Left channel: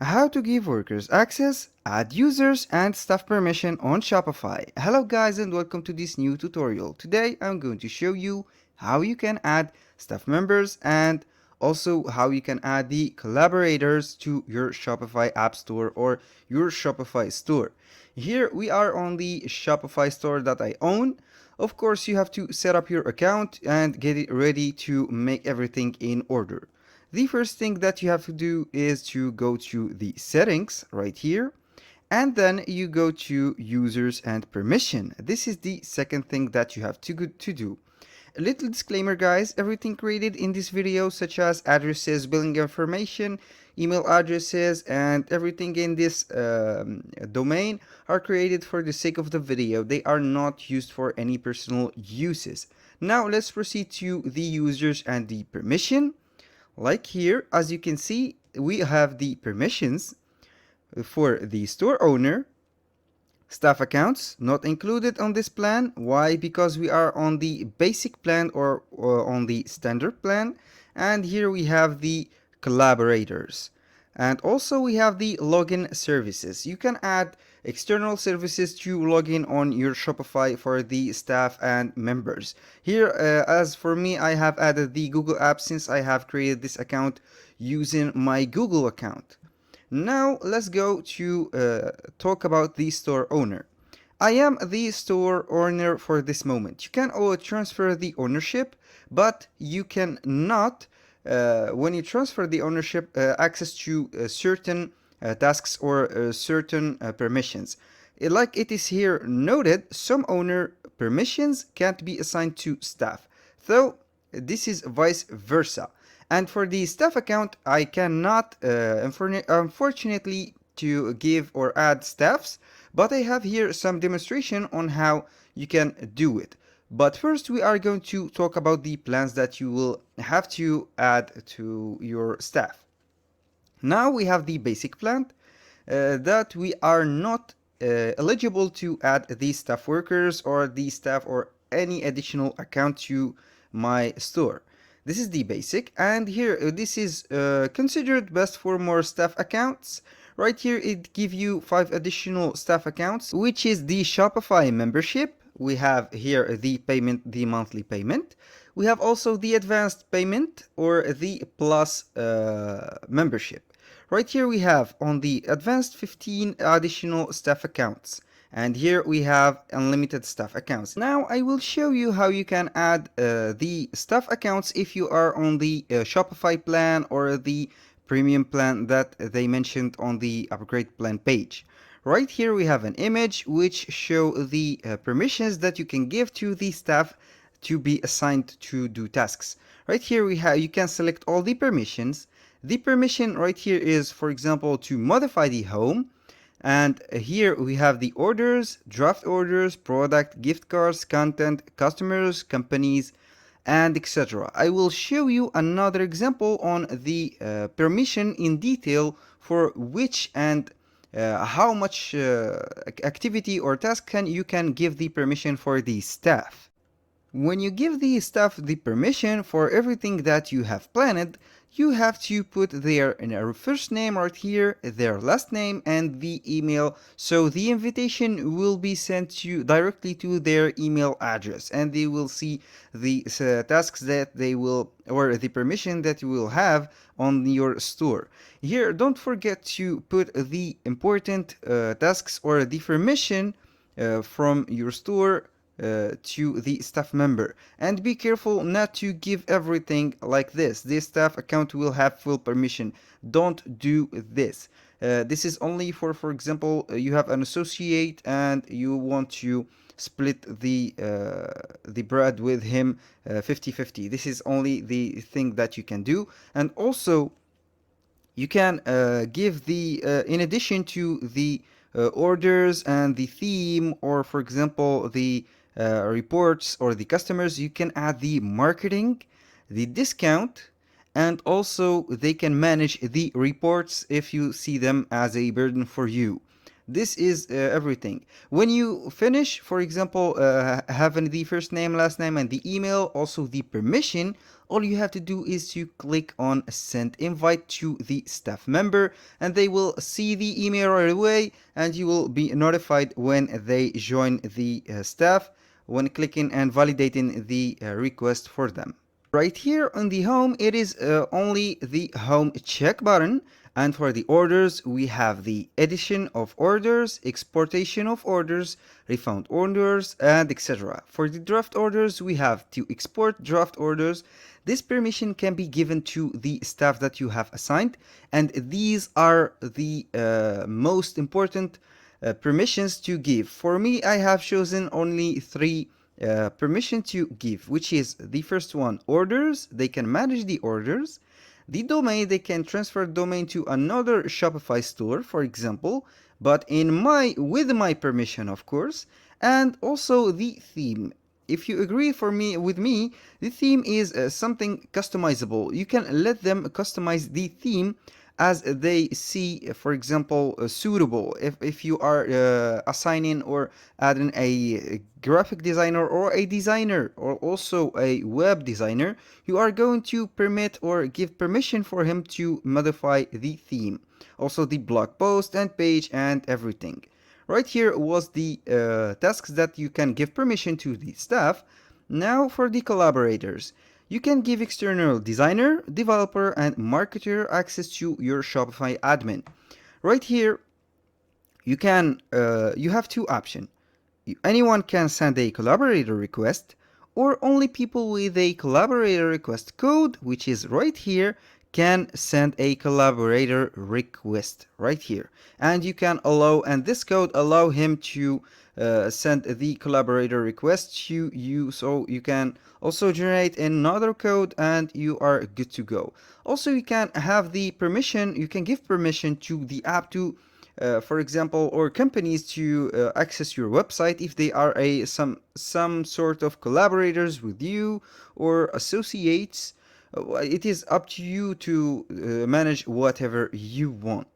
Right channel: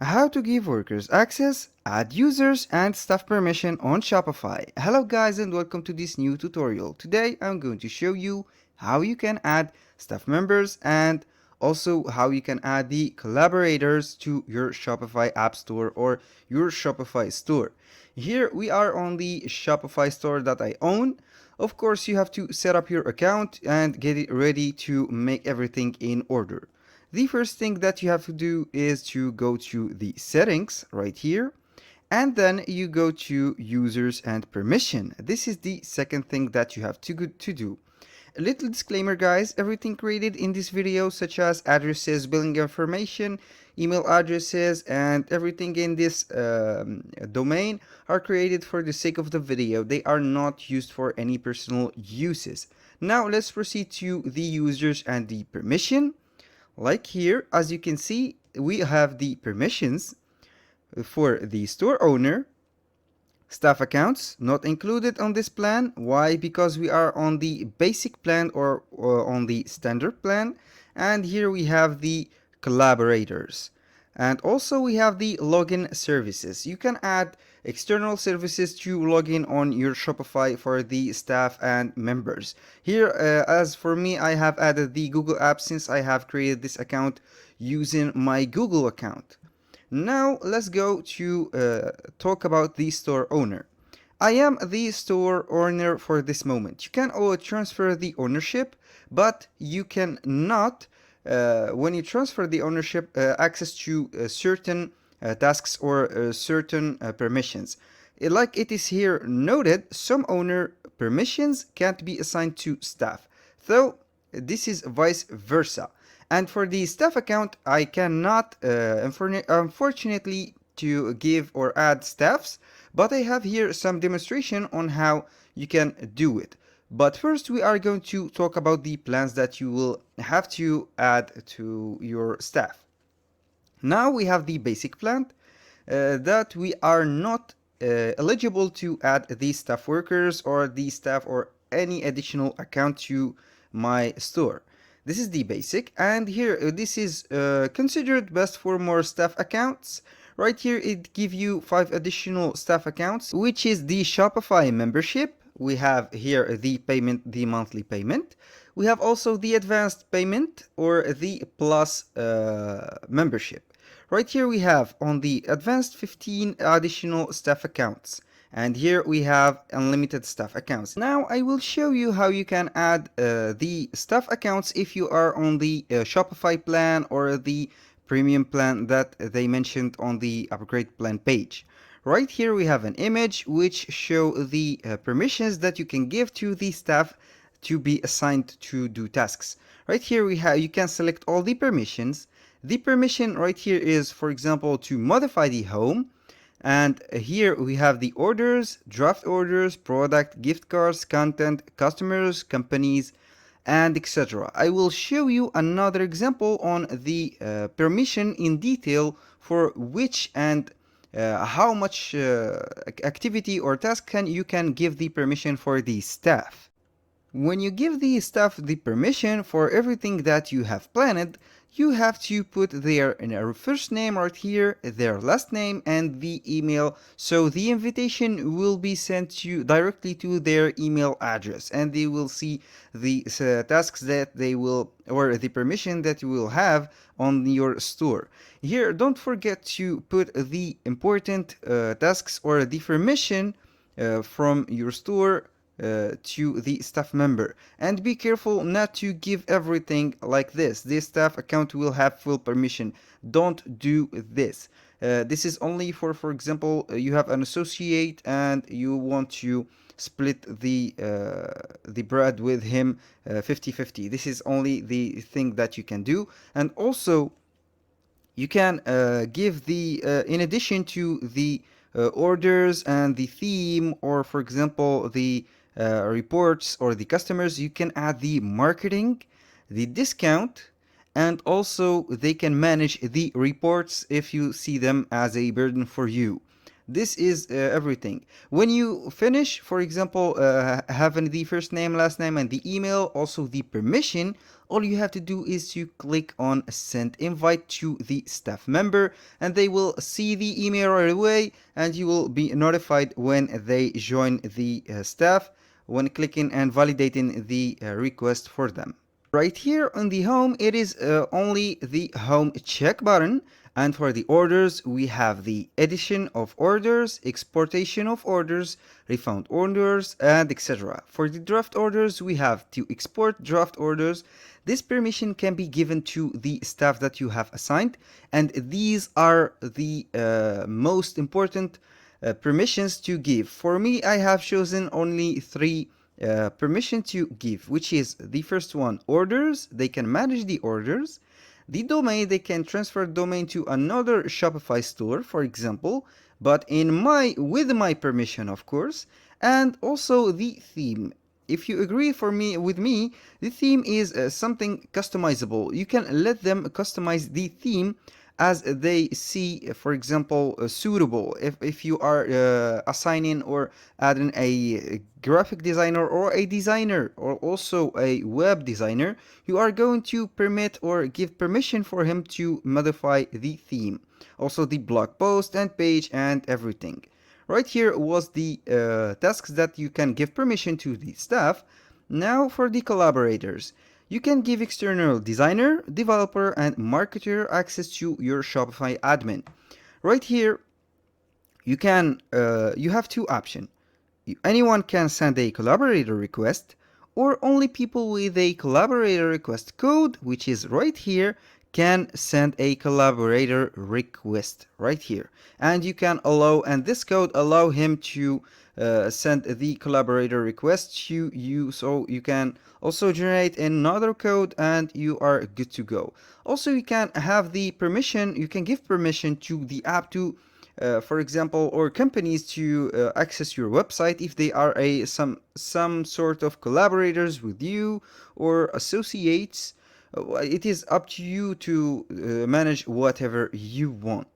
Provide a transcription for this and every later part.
How to give workers access, add users and staff permission on Shopify. Hello guys and welcome to this new tutorial. Today I'm going to show you how you can add staff members and also how you can add the collaborators to your Shopify app store or your Shopify store. Here we are on the Shopify store that I own. Of course, you have to set up your account and get it ready to make everything in order. The first thing that you have to do is to go to the settings right here, and then you go to users and permission. This is the second thing that you have to do. A little disclaimer guys, everything created in this video such as addresses, billing information, email addresses and everything in this domain are created for the sake of the video. They are not used for any personal uses. Now let's proceed to the users and the permission. Like here, as you can see, we have the permissions for the store owner. Staff accounts not included on this plan. Why? Because we are on the basic plan or on the standard plan. And here we have the collaborators. And also we have the login services. You can add external services to log in on your Shopify for the staff and members. Here, as for me, I have added the Google app since I have created this account using my Google account. Now let's go to talk about the store owner. I am the store owner for this moment. You can transfer the ownership, but you cannot when you transfer the ownership access to certain tasks or certain permissions. Like it is here noted, some owner permissions can't be assigned to staff. So this is vice versa. And for the staff account, I cannot, unfortunately, to give or add staffs, but I have here some demonstration on how you can do it. But first, we are going to talk about the plans that you will have to add to your staff. Now we have the basic plan that we are not eligible to add the staff workers or the staff or any additional account to my store. This is the basic, and here this is considered best for more staff accounts. Right here it gives you 5 additional staff accounts, which is the Shopify membership. We have here the payment, the monthly payment. We have also the advanced payment or the plus membership. Right here we have on the advanced 15 additional staff accounts. And here we have unlimited staff accounts. Now I will show you how you can add the staff accounts if you are on the Shopify plan or the premium plan that they mentioned on the upgrade plan page. Right here we have an image which show the permissions that you can give to the staff to be assigned to do tasks. Right here you can select all the permissions. The permission right here is, for example, to modify the home. And here we have the orders, draft orders, product, gift cards, content, customers, companies, and etc. I will show you another example on the permission in detail for which and how much activity or task you can give the permission for the staff. When you give the staff the permission for everything that you have planned, you have to put their first name right here, their last name, and the email. So the invitation will be sent directly to their email address, and they will see the tasks that they will, or the permission that you will have on your store. Here, don't forget to put the important tasks or the permission from your store to the staff member, and be careful not to give everything like this. This staff account will have full permission. Don't do this. This is only for example, you have an associate and you want to split the bread with him 50-50. This is only the thing that you can do. And also you can give the in addition to the orders and the theme, or for example the reports or the customers, you can add the marketing, the discount, and also they can manage the reports if you see them as a burden for you. This is everything. When you finish, for example, having the first name, last name, and the email, also the permission, all you have to do is to click on send invite to the staff member, and they will see the email right away, and you will be notified when they join the staff when clicking and validating the request for them. Right here on the home, it is only the home check button, and for the orders we have the edition of orders, exportation of orders, refund orders, and etc. For the draft orders, we have to export draft orders. This permission can be given to the staff that you have assigned, and these are the most important permissions to give. For me, I have chosen only three permission to give, which is the first one, orders. They can manage the orders. The domain, they can transfer domain to another Shopify store, for example, but with my permission, of course. And also the theme. If you agree with me, the theme is something customizable. You can let them customize the theme as they see, for example, suitable. If you are assigning or adding a graphic designer or a designer or also a web designer, you are going to permit or give permission for him to modify the theme. Also the blog post and page and everything. Right here was the tasks that you can give permission to the staff. Now for the collaborators. You can give external designer, developer, and marketer access to your Shopify admin. Right here, you have two options. Anyone can send a collaborator request, or only people with a collaborator request code, which is right here, can send a collaborator request right here. And you can allow, and this code allow him to send the collaborator request to you, so you can also generate another code and you are good to go. Also, you can have the permission, you can give permission to the app to for example, or companies to access your website if they are some sort of collaborators with you or associates. It is up to you to manage whatever you want.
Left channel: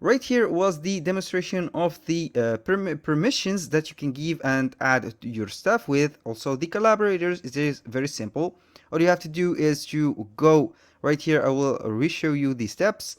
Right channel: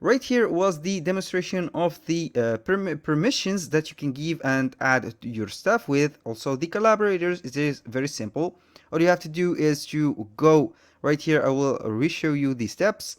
Right here was the demonstration of the permissions that you can give and add to your stuff with. Also the collaborators, it is very simple. All you have to do is to go right here. I will re-show you the steps.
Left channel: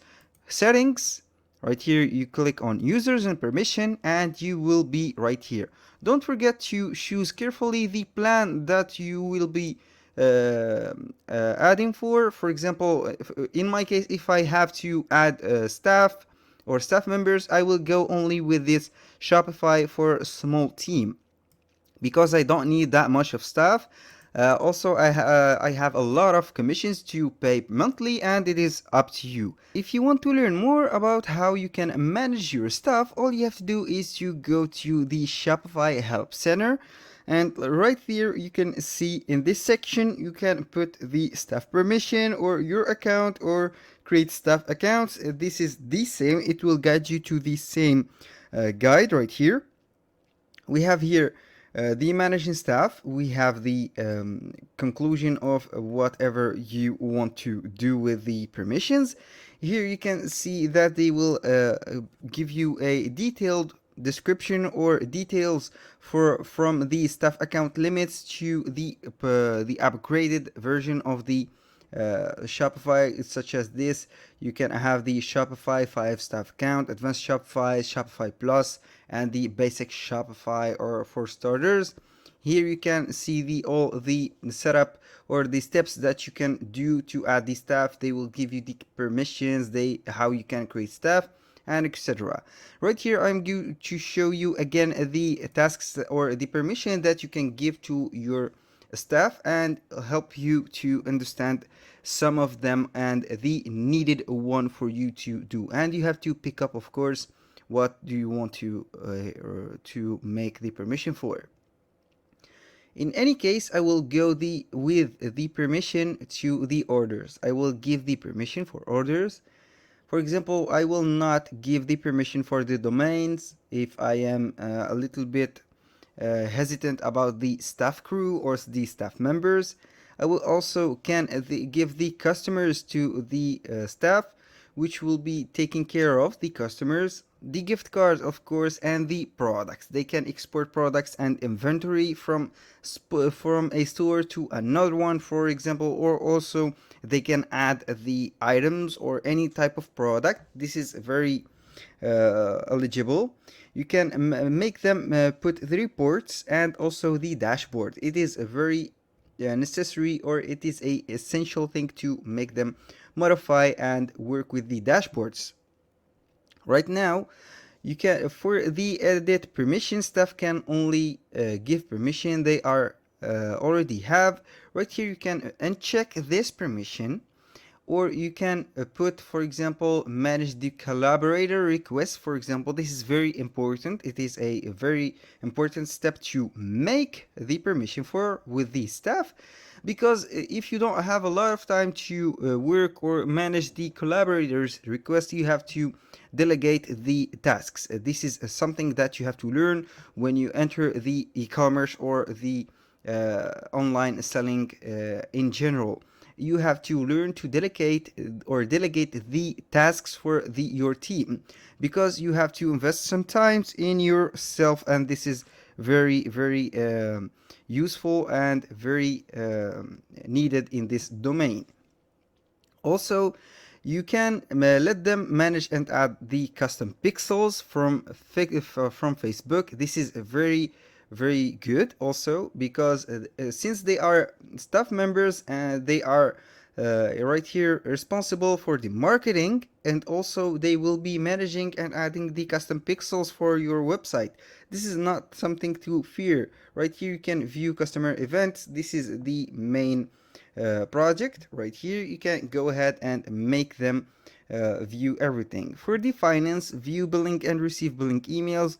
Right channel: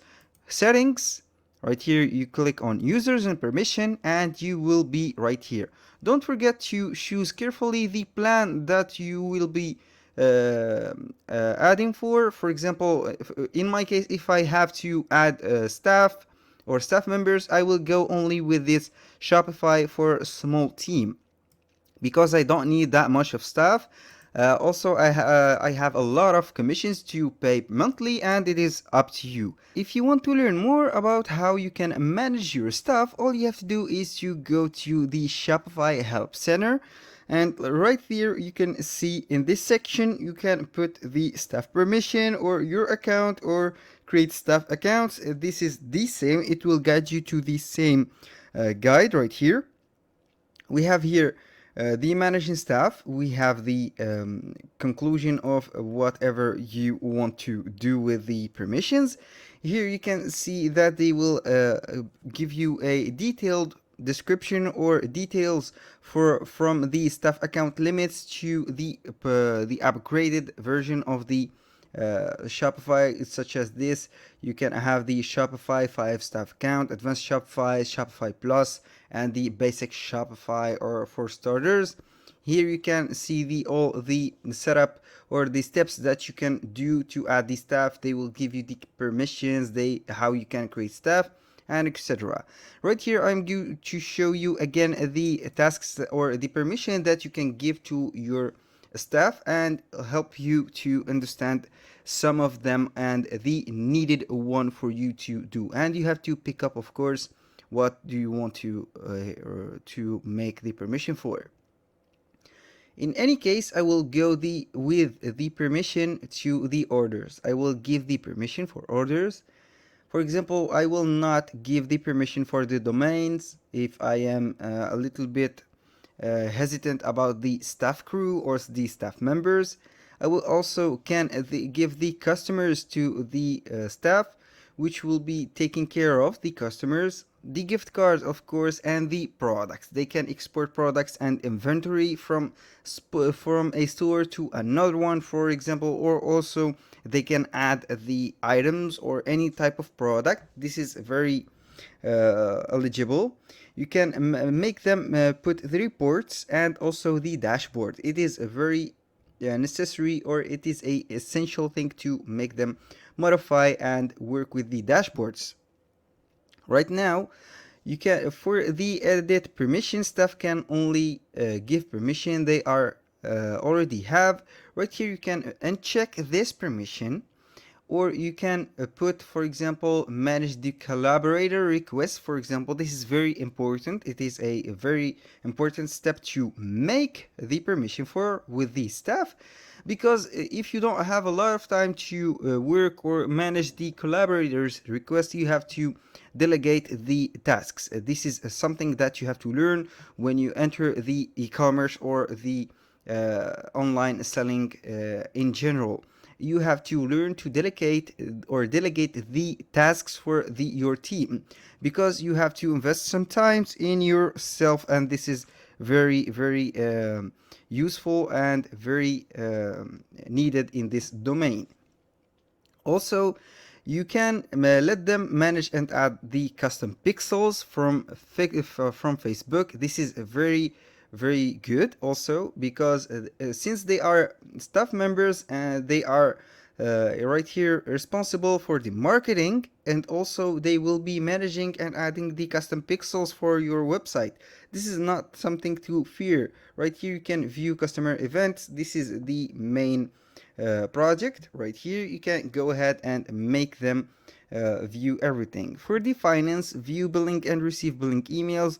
Settings. Right here, you click on users and permission, and you will be right here. Don't forget to choose carefully the plan that you will be adding for. For example, in my case, if I have to add staff or staff members, I will go only with this Shopify for a small team because I don't need that much of staff. Also, I have a lot of commissions to pay monthly, and it is up to you. If you want to learn more about how you can manage your stuff, all you have to do is to go to the Shopify Help Center. And right here, you can see in this section, you can put the staff permission or your account or create staff accounts. This is the same. It will guide you to the same guide right here. We have here the managing staff. We have the conclusion of whatever you want to do with the permissions. Here you can see that they will give you a detailed description or details from the staff account limits to the upgraded version of the Shopify, such as this. You can have the Shopify 5 staff account, advanced Shopify, Shopify Plus, and the basic Shopify or for starters. Here you can see all the setup or the steps that you can do to add the staff. They will give you the permissions, how you can create staff, and etc. Right here, I'm going to show you again the tasks or the permission that you can give to your staff and help you to understand some of them and the needed one for you to do. And you have to pick up, of course, what do you want to make the permission for. In any case, I will go with the permission to the orders. I will give the permission for orders. For example, I will not give the permission for the domains if I am a little bit hesitant about the staff crew or the staff members. I will also give the customers to the staff which will be taking care of the customers, the gift cards, of course, and the products. They can export products and inventory from a store to another one, for example, or also they can add the items or any type of product. This is very eligible. You can make them put the reports and also the dashboard. It is a very necessary, or it is a essential thing to make them modify and work with the dashboards. Right now, you can, for the edit permission, stuff can only give permission they are already have. Right here you can uncheck this permission, or you can put, for example, manage the collaborator request. For example, this is very important. It is a very important step to make the permission for with the staff, because if you don't have a lot of time to work or manage the collaborators request, you have to delegate the tasks. This is something that you have to learn when you enter the e-commerce or the online selling in general. You have to learn to delegate the tasks for your team, because you have to invest some time in yourself, and this is very useful and very needed in this domain. Also, you can let them manage and add the custom pixels from Facebook. This is very good also, because since they are staff members and they are right here responsible for the marketing, and also they will be managing and adding the custom pixels for your website. This is not something to fear. Right here you can view customer events. This is the main project. Right here you can go ahead and make them view everything. For the finance, view billing and receive billing emails.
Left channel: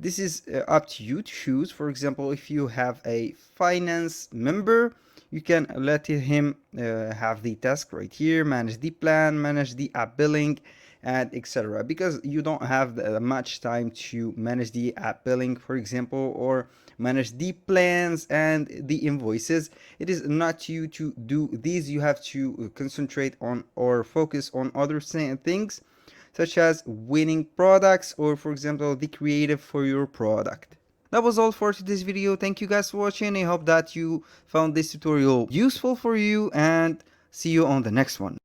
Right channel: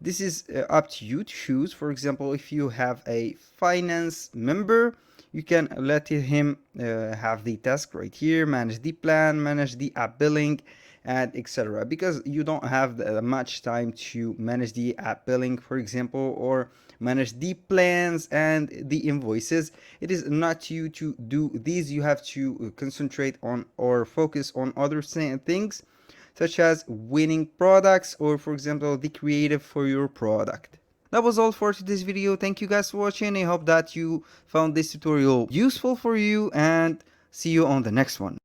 This is up to you to choose. For example, if you have a finance member, you can let him have the task right here, manage the plan, manage the app billing, and etc. Because you don't have much time to manage the app billing, for example, or manage the plans and the invoices. It is not you to do these. You have to concentrate on or focus on other things, such as winning products, or for example the creative for your product. That was all for today's video. Thank you guys for watching. I hope that you found this tutorial useful for you, and see you on the next one.